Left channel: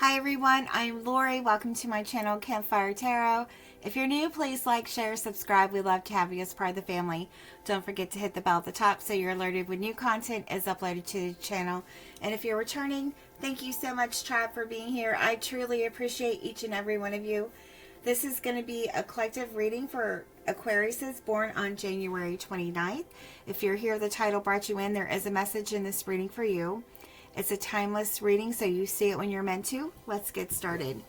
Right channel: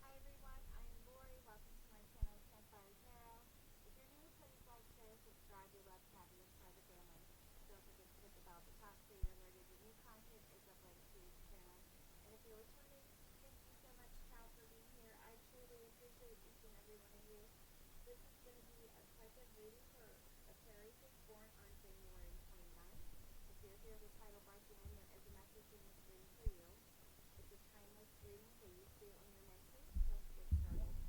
Hi everyone, I'm Lori. Welcome to my channel, Campfire Tarot. If you're new, please like, share, subscribe. We'd love to have you as part of the family. Don't forget to hit the bell at the top so you're alerted when new content is uploaded to the channel. And if you're returning, thank you so much, Tribe, for being here. I truly appreciate each and every one of you. This is going to be a collective reading for Aquariuses born on January 29th. If you're here, the title brought you in. There is a message in this reading for you. It's a timeless reading, so you see it when you're meant to. Let's get started.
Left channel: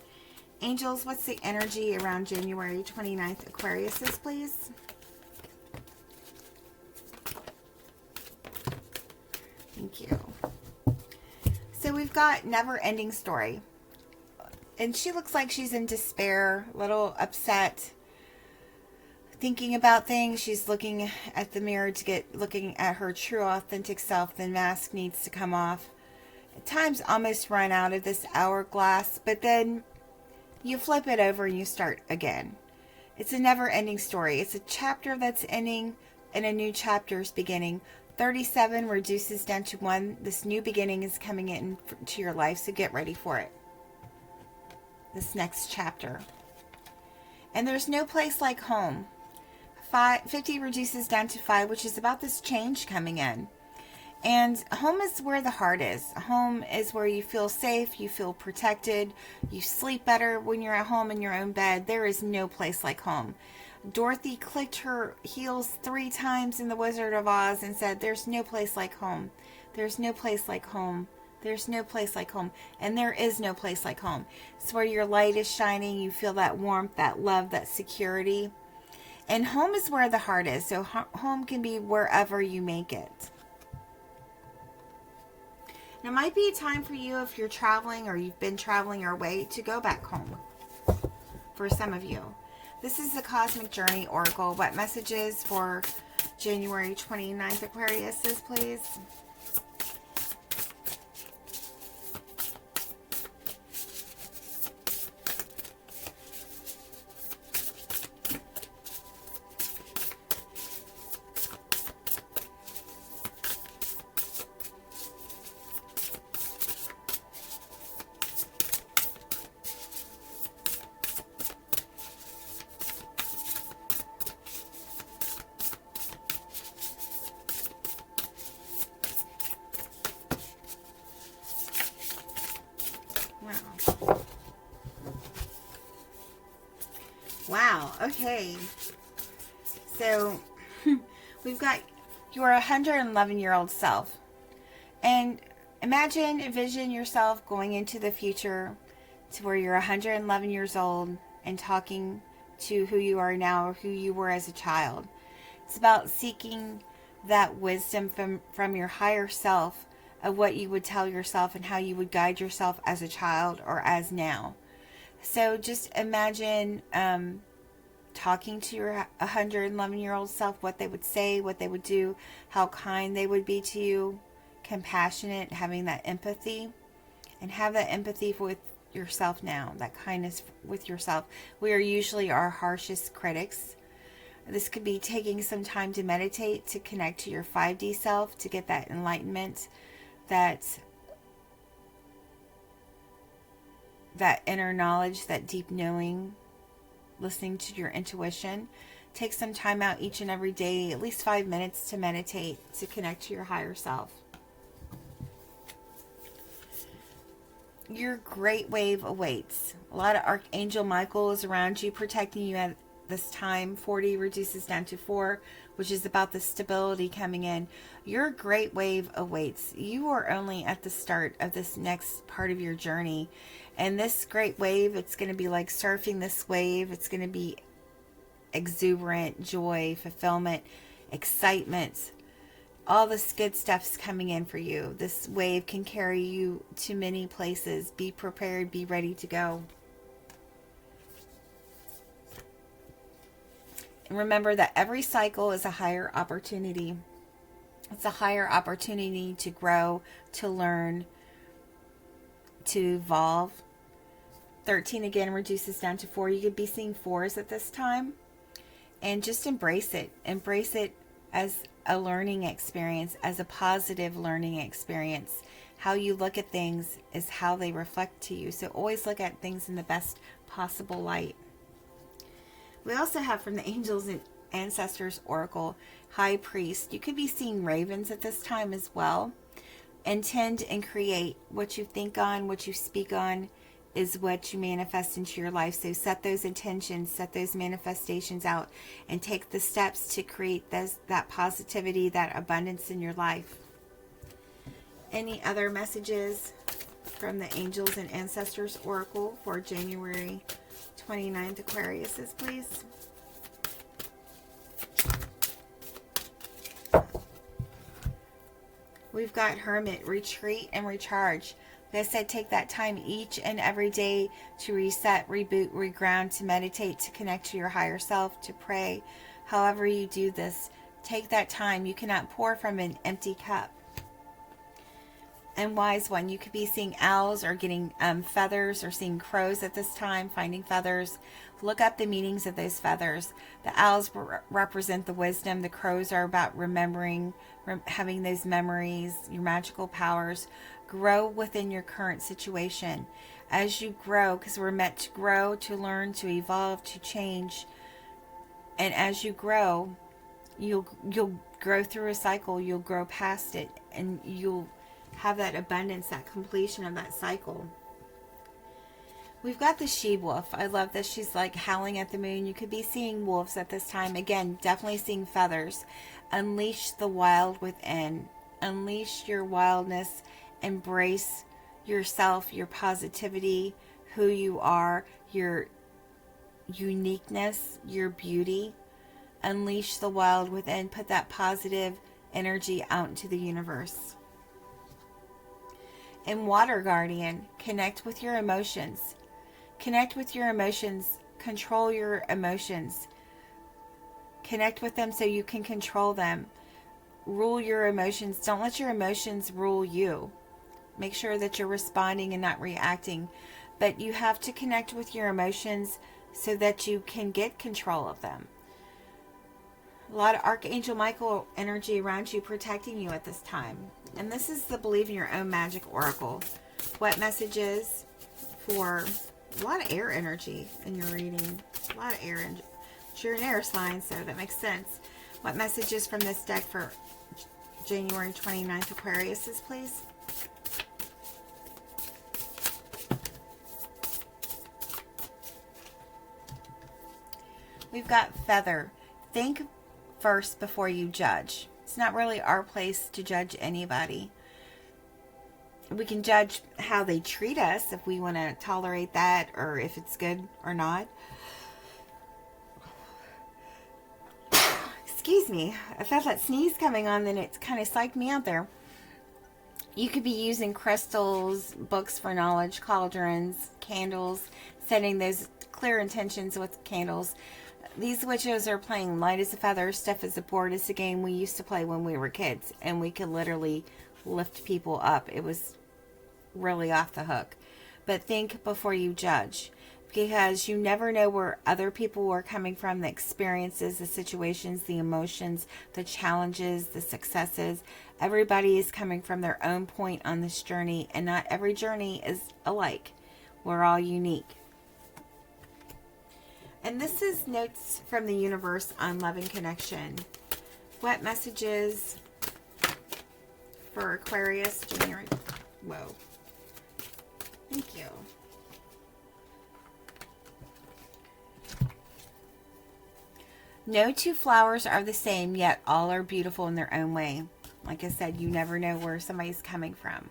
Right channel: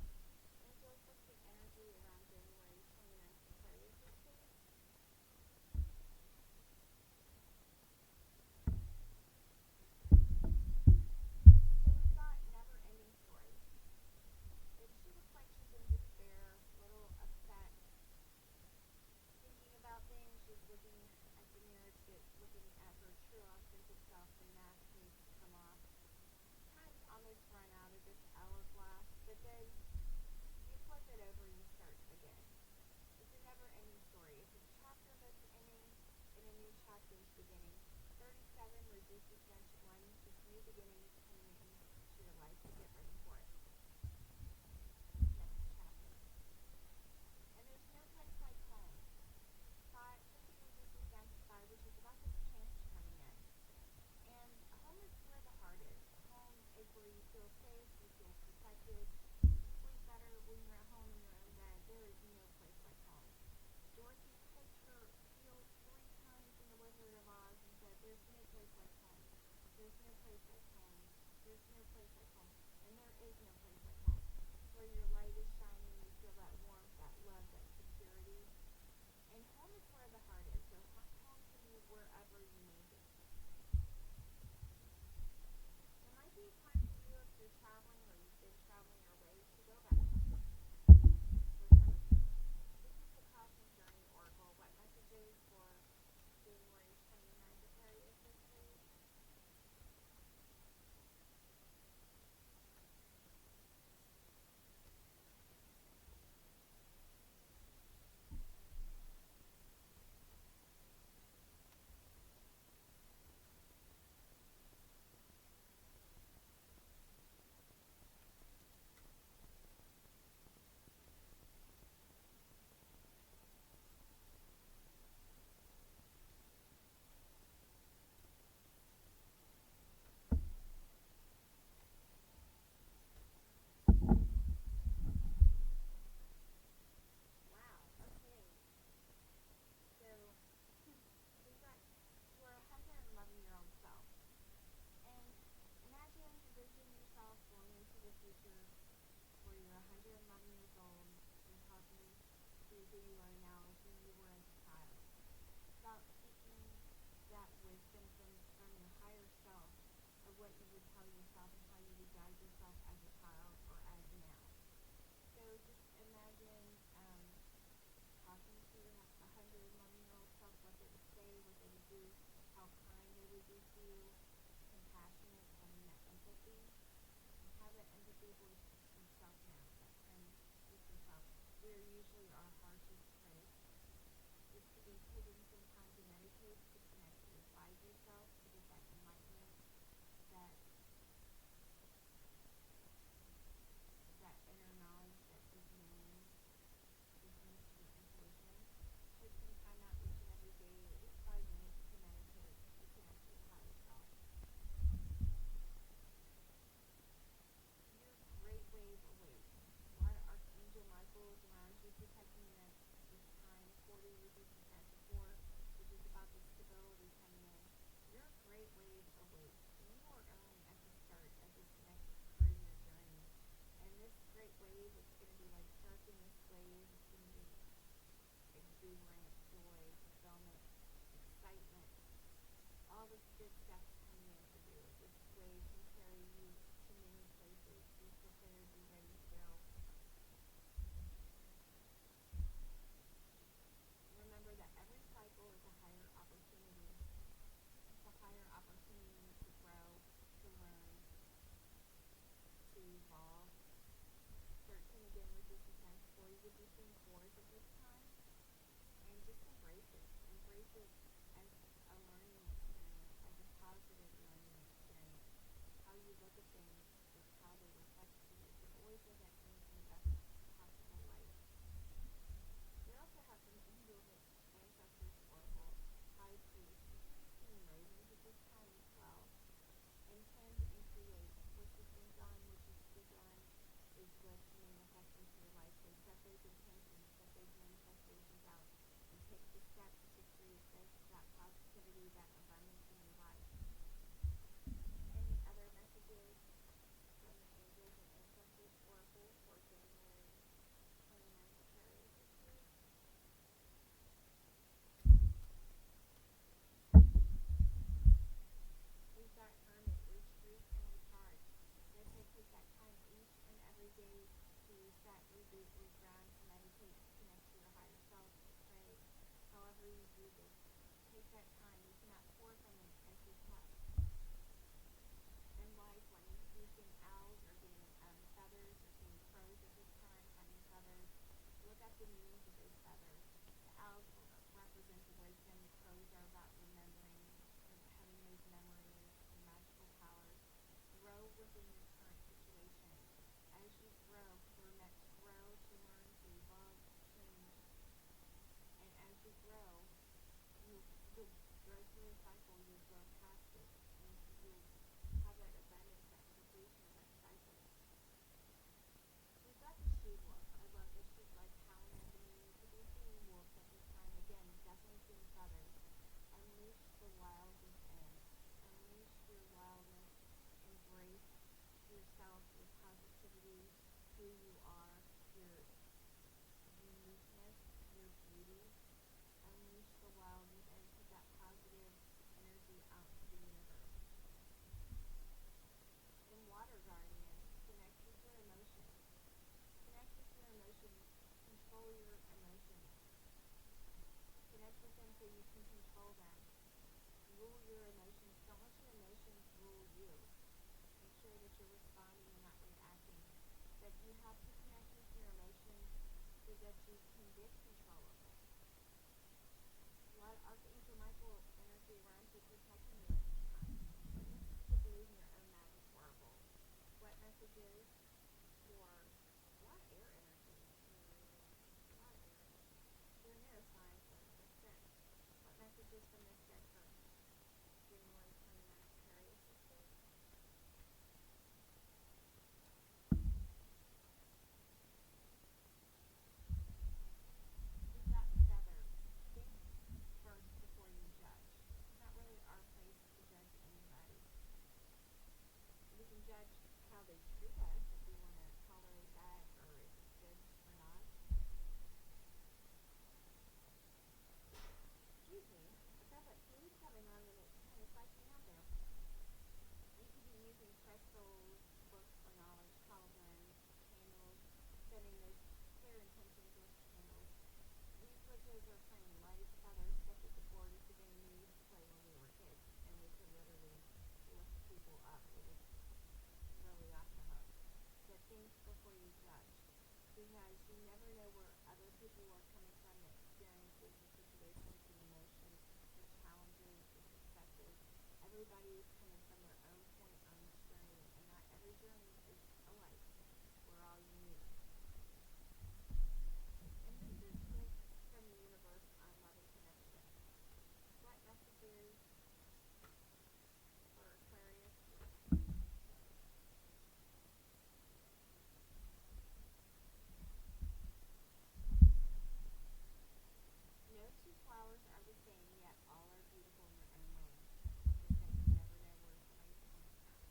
Angels, what's the energy around January 29th, Aquariuses, please? Thank you. So we've got never-ending story. And she looks like she's in despair, a little upset, thinking about things. She's looking at the mirror to looking at her true, authentic self. The mask needs to come off. Time's almost run out of this hourglass, but then you flip it over and you start again. It's a never-ending story. It's a chapter that's ending and a new chapter is beginning. 37 reduces down to 1. This new beginning is coming into your life, so get ready for it. This next chapter. And there's no place like home. 50 reduces down to 5, which is about this change coming in. And home is where the heart is. Home is where you feel safe, you feel protected, you sleep better when you're at home in your own bed. There is no place like home. Dorothy clicked her heels 3 times in The Wizard of Oz and said, "There's no place like home. There's no place like home. There's no place like home." And there is no place like home. It's where your light is shining. You feel that warmth, that love, that security. And home is where the heart is. So home can be wherever you make it. It might be a time for you, if you're traveling or you've been traveling your way, to go back home. For some of you. This is the Cosmic Journey Oracle. What messages for January 29th, Aquariuses, please? Wow, okay. So, we've got your 111-year-old self. And envision yourself going into the future to where you're 111 years old and talking to who you are now or who you were as a child. It's about seeking that wisdom from your higher self of what you would tell yourself and how you would guide yourself as a child or as now. So just imagine talking to your 111-year-old self, what they would say, what they would do, how kind they would be to you, compassionate, having that empathy, and have that empathy with yourself now, that kindness with yourself. We are usually our harshest critics. This could be taking some time to meditate, to connect to your 5D self, to get that enlightenment, that inner knowledge, that deep knowing, listening to your intuition. Take some time out each and every day, at least 5 minutes, to meditate, to connect to your higher self. Your great wave awaits. A lot of Archangel Michael is around you, protecting you at this time. 40 reduces down to 4, which is about the stability coming in. Your great wave awaits. You are only at the start of this next part of your journey. And this great wave, it's going to be like surfing this wave. It's going to be exuberant, joy, fulfillment, excitement. All this good stuff's coming in for you. This wave can carry you to many places. Be prepared, be ready to go. And remember that every cycle is a higher opportunity. It's a higher opportunity to grow, to learn, to evolve. 13 again reduces down to 4. You could be seeing 4s at this time. And just embrace it. Embrace it as a learning experience, as a positive learning experience. How you look at things is how they reflect to you. So always look at things in the best possible light. We also have from the Angels and Ancestors Oracle, High Priest. You could be seeing ravens at this time as well. Intend and create. What you think on, what you speak on, is what you manifest into your life. So set those intentions, set those manifestations out, and take the steps to create that positivity, that abundance in your life. Any other messages from the Angels and Ancestors Oracle for January 29th, Aquariuses, please? We've got Hermit, retreat and recharge. Like I said, take that time each and every day to reset, reboot, reground, to meditate, to connect to your higher self, to pray. However you do this, take that time. You cannot pour from an empty cup. And Wise One, you could be seeing owls or getting feathers, or seeing crows at this time, finding feathers. Look up the meanings of those feathers. The owls represent the wisdom. The crows are about remembering, having those memories, your magical powers. Grow within your current situation. As you grow, because we're meant to grow, to learn, to evolve, to change. And as you grow, you'll grow through a cycle. You'll grow past it, and you'll have that abundance, that completion of that cycle. We've got the she-wolf. I love this. She's like howling at the moon. You could be seeing wolves at this time. Again, definitely seeing feathers. Unleash the wild within. Unleash your wildness. Embrace yourself, your positivity, who you are, your uniqueness, your beauty. Unleash the wild within. Put that positive energy out into the universe. And Water Guardian, connect with your emotions. Connect with your emotions. Control your emotions. Connect with them so you can control them. Rule your emotions. Don't let your emotions rule you. Make sure that you're responding and not reacting. But you have to connect with your emotions so that you can get control of them. A lot of Archangel Michael energy around you, protecting you at this time. And this is the Believe in Your Own Magic Oracle. What messages for a lot of air energy in your reading? A lot of air energy. You're an air sign, so that makes sense. What messages from this deck for January 29th, Aquariuses, please? We've got Feather. Think first before you judge. It's not really our place to judge anybody. We can judge how they treat us, if we want to tolerate that, or if it's good or not. Excuse me. I felt that sneeze coming on, then it kind of psyched me out there. You could be using crystals, books for knowledge, cauldrons, candles, setting those clear intentions with candles. These witches are playing light as a feather, stiff as a board. It's a game we used to play when we were kids, and we could literally lift people up. It was really off the hook. But think before you judge, because you never know where other people are coming from, the experiences, the situations, the emotions, the challenges, the successes. Everybody is coming from their own point on this journey, and not every journey is alike. We're all unique. And this is notes from the universe on love and connection. What messages for Aquarius, January? Whoa. Thank you. No two flowers are the same, yet all are beautiful in their own way. Like I said, you never know where somebody's coming from.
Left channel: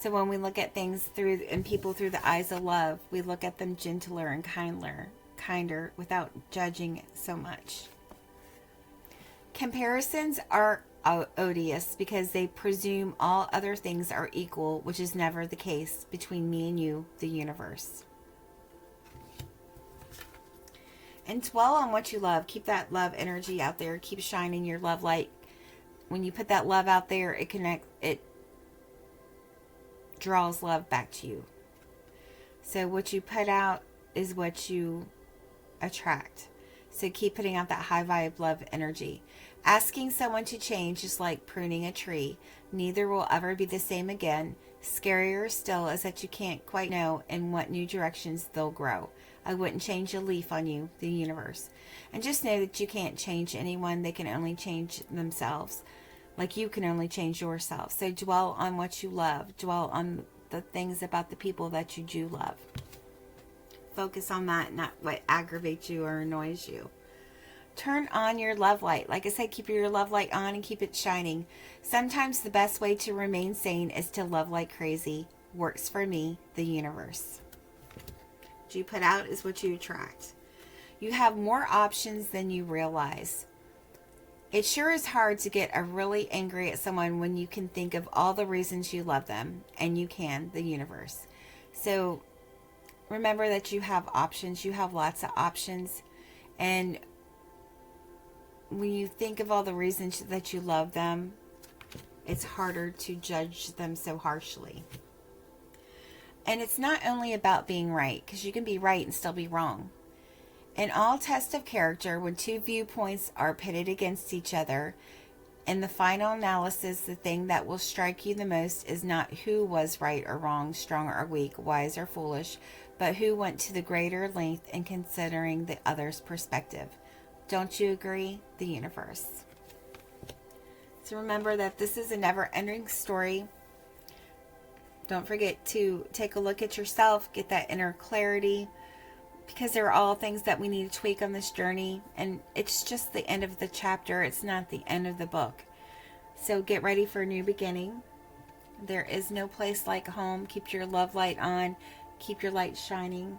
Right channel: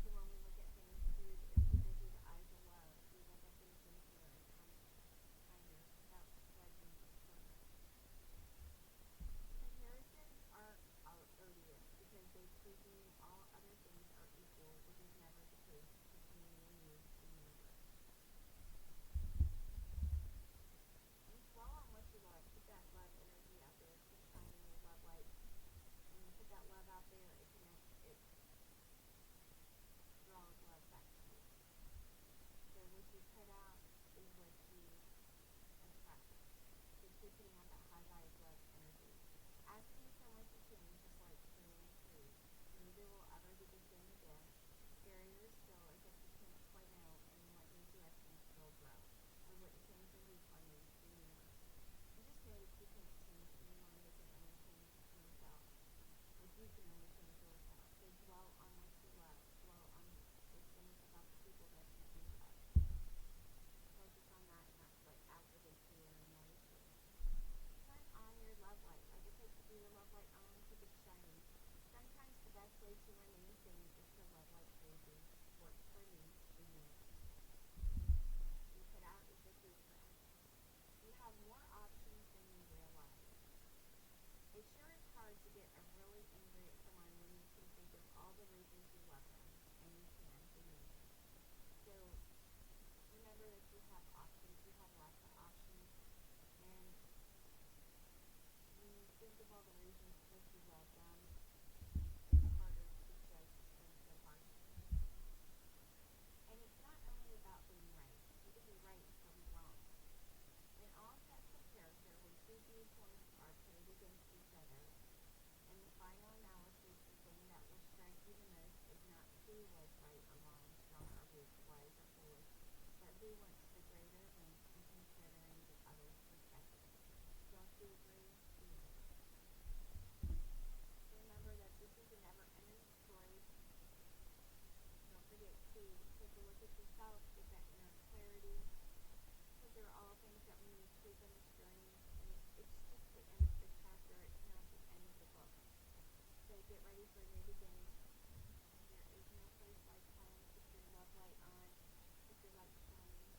So when we look at things through, and people through the eyes of love, we look at them gentler and kinder without judging so much. Comparisons are odious because they presume all other things are equal, which is never the case between me and you, the universe. And dwell on what you love. Keep that love energy out there. Keep shining your love light. When you put that love out there, it draws love back to you. So what you put out is what you attract. So keep putting out that high vibe love energy. Asking someone to change is like pruning a tree. Neither will ever be the same again. Scarier still is that you can't quite know in what new directions they'll grow. I wouldn't change a leaf on you, the universe. And just know that you can't change anyone. They can only change themselves. Like you can only change yourself. So dwell on what you love. Dwell on the things about the people that you do love. Focus on that, not what aggravates you or annoys you. Turn on your love light. Like I said, keep your love light on and keep it shining. Sometimes the best way to remain sane is to love like crazy. Works for me, the universe. What you put out is what you attract. You have more options than you realize. It sure is hard to get really angry at someone when you can think of all the reasons you love them, and you can, the universe. So remember that you have options. You have lots of options. And when you think of all the reasons that you love them, it's harder to judge them so harshly. And it's not only about being right, because you can be right and still be wrong. In all tests of character, when two viewpoints are pitted against each other, in the final analysis, the thing that will strike you the most is not who was right or wrong, strong or weak, wise or foolish, but who went to the greater length in considering the other's perspective. Don't you agree? The universe. So remember that this is a never-ending story. Don't forget to take a look at yourself, get that inner clarity, because there are all things that we need to tweak on this journey, and it's just the end of the chapter. It's not the end of the book. So get ready for a new beginning. There is no place like home. Keep your love light on. Keep your light shining.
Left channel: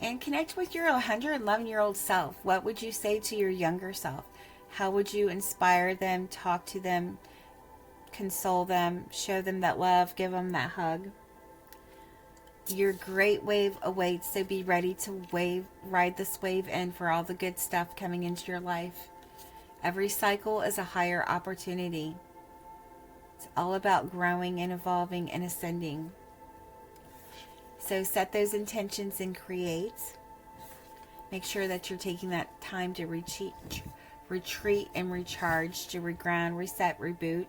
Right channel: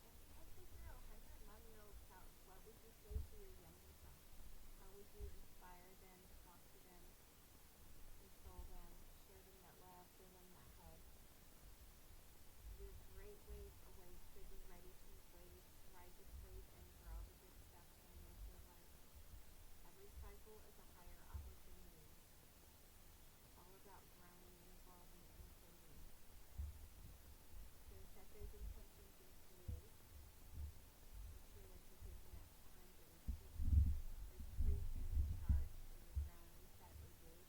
And connect with your 111-year-old self. What would you say to your younger self? How would you inspire them, talk to them, console them, show them that love, give them that hug? Your great wave awaits, so be ready to ride this wave in for all the good stuff coming into your life. Every cycle is a higher opportunity. It's all about growing and evolving and ascending. So set those intentions and create. Make sure that you're taking that time to retreat and recharge, to reground, reset, reboot.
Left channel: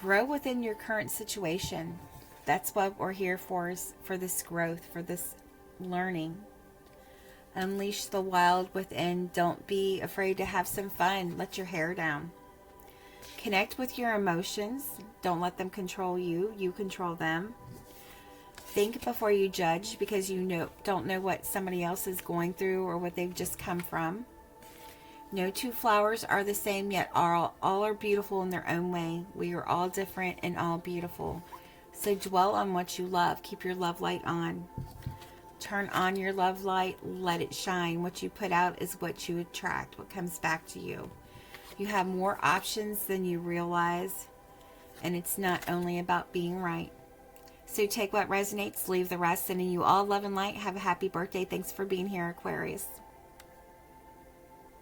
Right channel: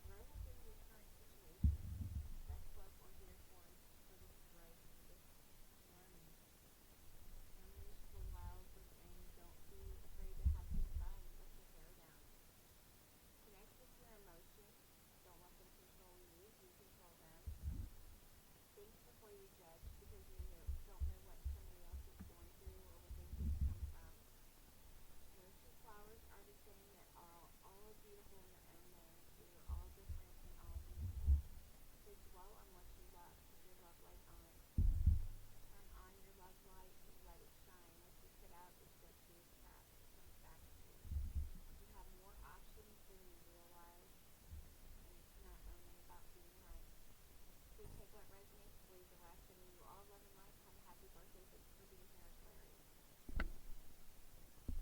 Grow within your current situation. That's what we're here for, is for this growth, for this learning. Unleash the wild within. Don't be afraid to have some fun. Let your hair down. Connect with your emotions. Don't let them control you. You control them. Think before you judge, because you don't know what somebody else is going through or what they've just come from. No two flowers are the same, yet all are beautiful in their own way. We are all different and all beautiful. So dwell on what you love. Keep your love light on. Turn on your love light. Let it shine. What you put out is what you attract, what comes back to you. You have more options than you realize, and it's not only about being right. So take what resonates, leave the rest, sending you all love and light. Have a happy birthday. Thanks for being here, Aquarius.